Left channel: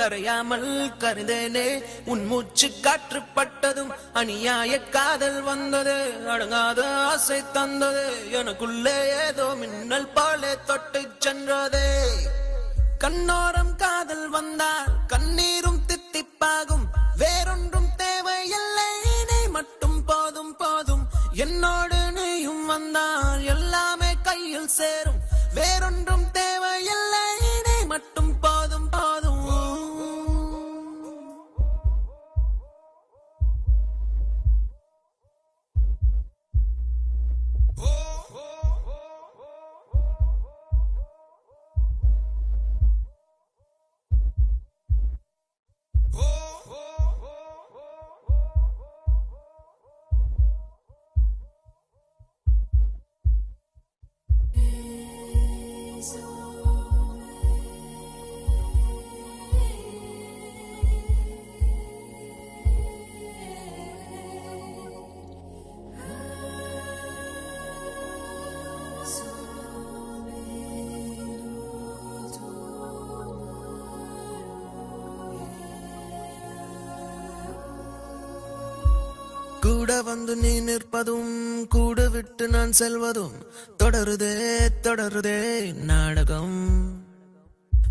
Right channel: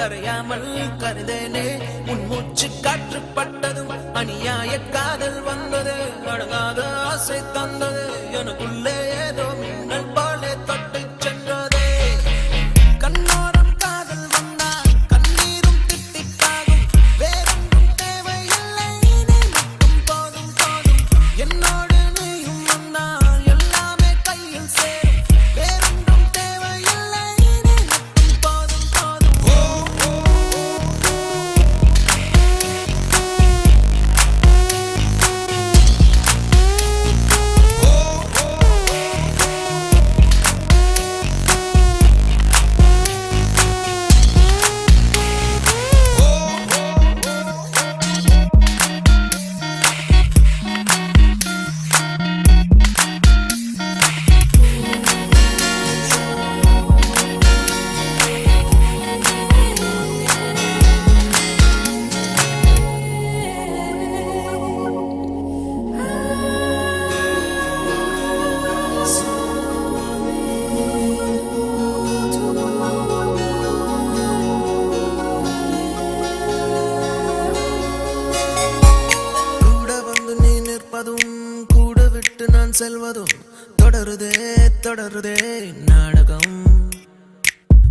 கரையாமல் கருதனே உன் மூச்சு காற்றுப்பட்டதும் அநியாய காதல் வந்தது அடங்காத ஆசை தந்தது எனக்குள்ளே ஏதோ மின்னல் பாட தொட்டு சென்றது கண்ணோரம் காதல் வந்தால் கண்ணீரும் திட்டிப்பாகும் வேறொன்றும் தேவையில்லை நீ மட்டும் போதும் போதும் என்னோடு நீயும் வந்தால் எல்லாமே கையில் சேரும் வேறொன்றும் தேவையில்லை நீ மட்டும் போதும் போதும் கூட வந்து நீ நிற்பதும் கூட விட்டு நான் செல்வதும் தொடருதே தொடருதே நாடகம்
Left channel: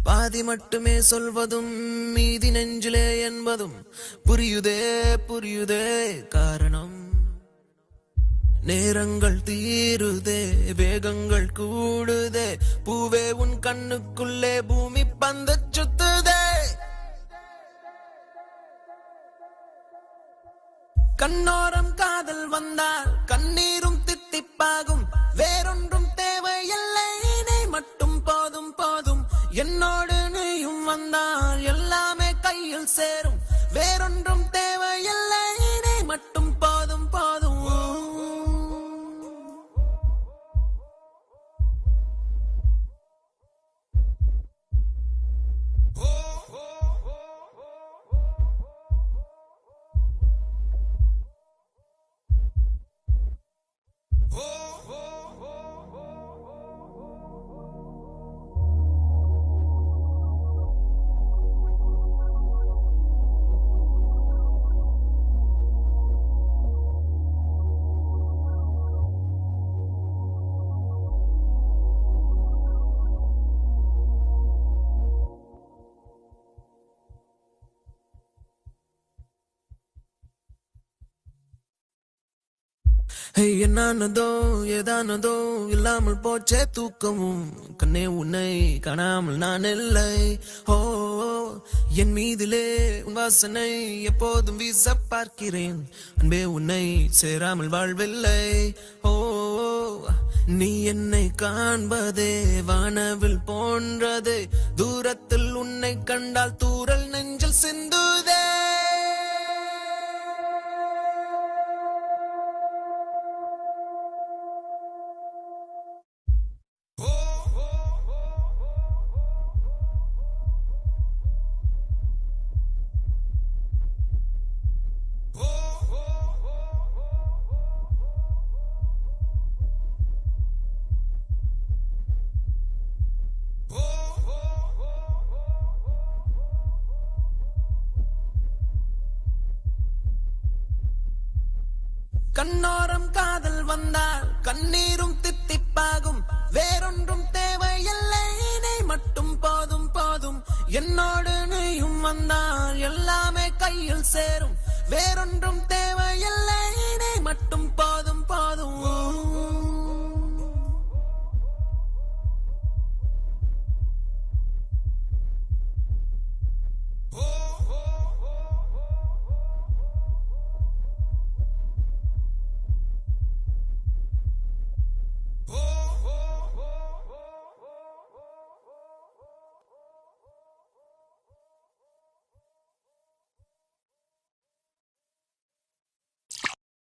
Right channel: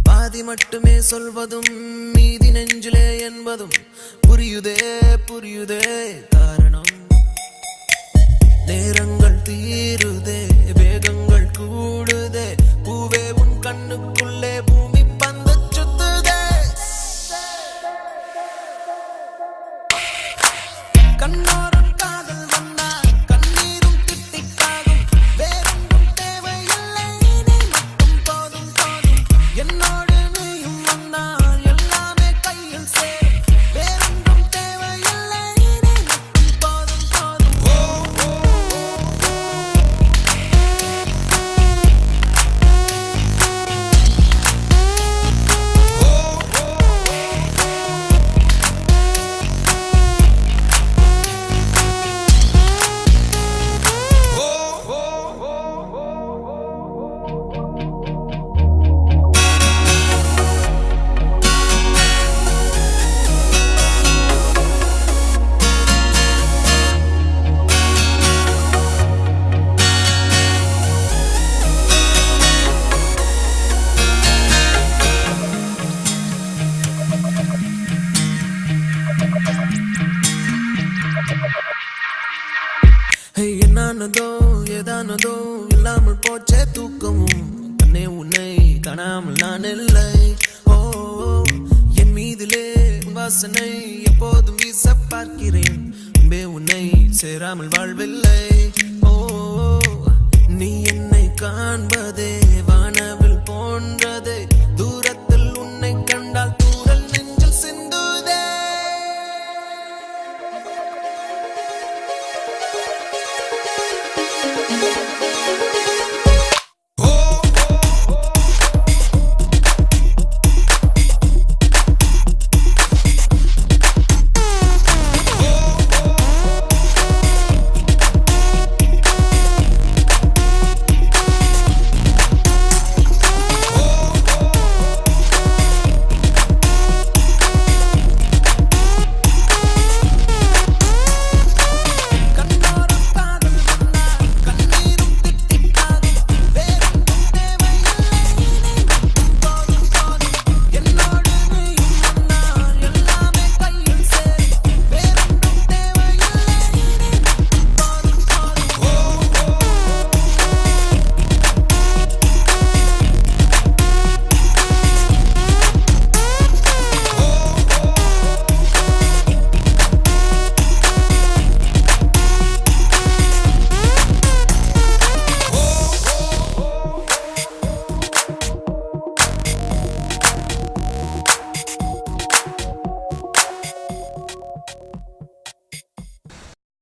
பாதி மட்டுமே சொல்வதும் மீதி நெஞ்சிலே என்பதும் புரியுதே புரியுதே காரணம் நேரங்கள் தீருதே வேகங்கள் கூடுதே பூவே உன் கண்ணுக்குள்ளே பூமி பந்து சுத்துதே கண்ணோரம் காதல் வந்தா கண்ணீரும் தித்திப்பாகும் வேறொன்றும் தேவையில்லை நீ மட்டும் போதும் போதும் என்னோடு நீயும் வந்தால் எல்லாமே கையில் சேரும் வேறொன்றும் தேவையில்லை நீ மட்டும் போதும் போதும் என்னானதோ ஏதானதோ இல்லாமல் போச்சே தூக்கமும் தன்னே உன்னை காணாமல் நான் இல்லை ஓ என் மீதிலே வாசனை எப்போதும் வீச பார்க்கிறேன் அன்பே உன்னை சேராமல் வாழ்வில்லை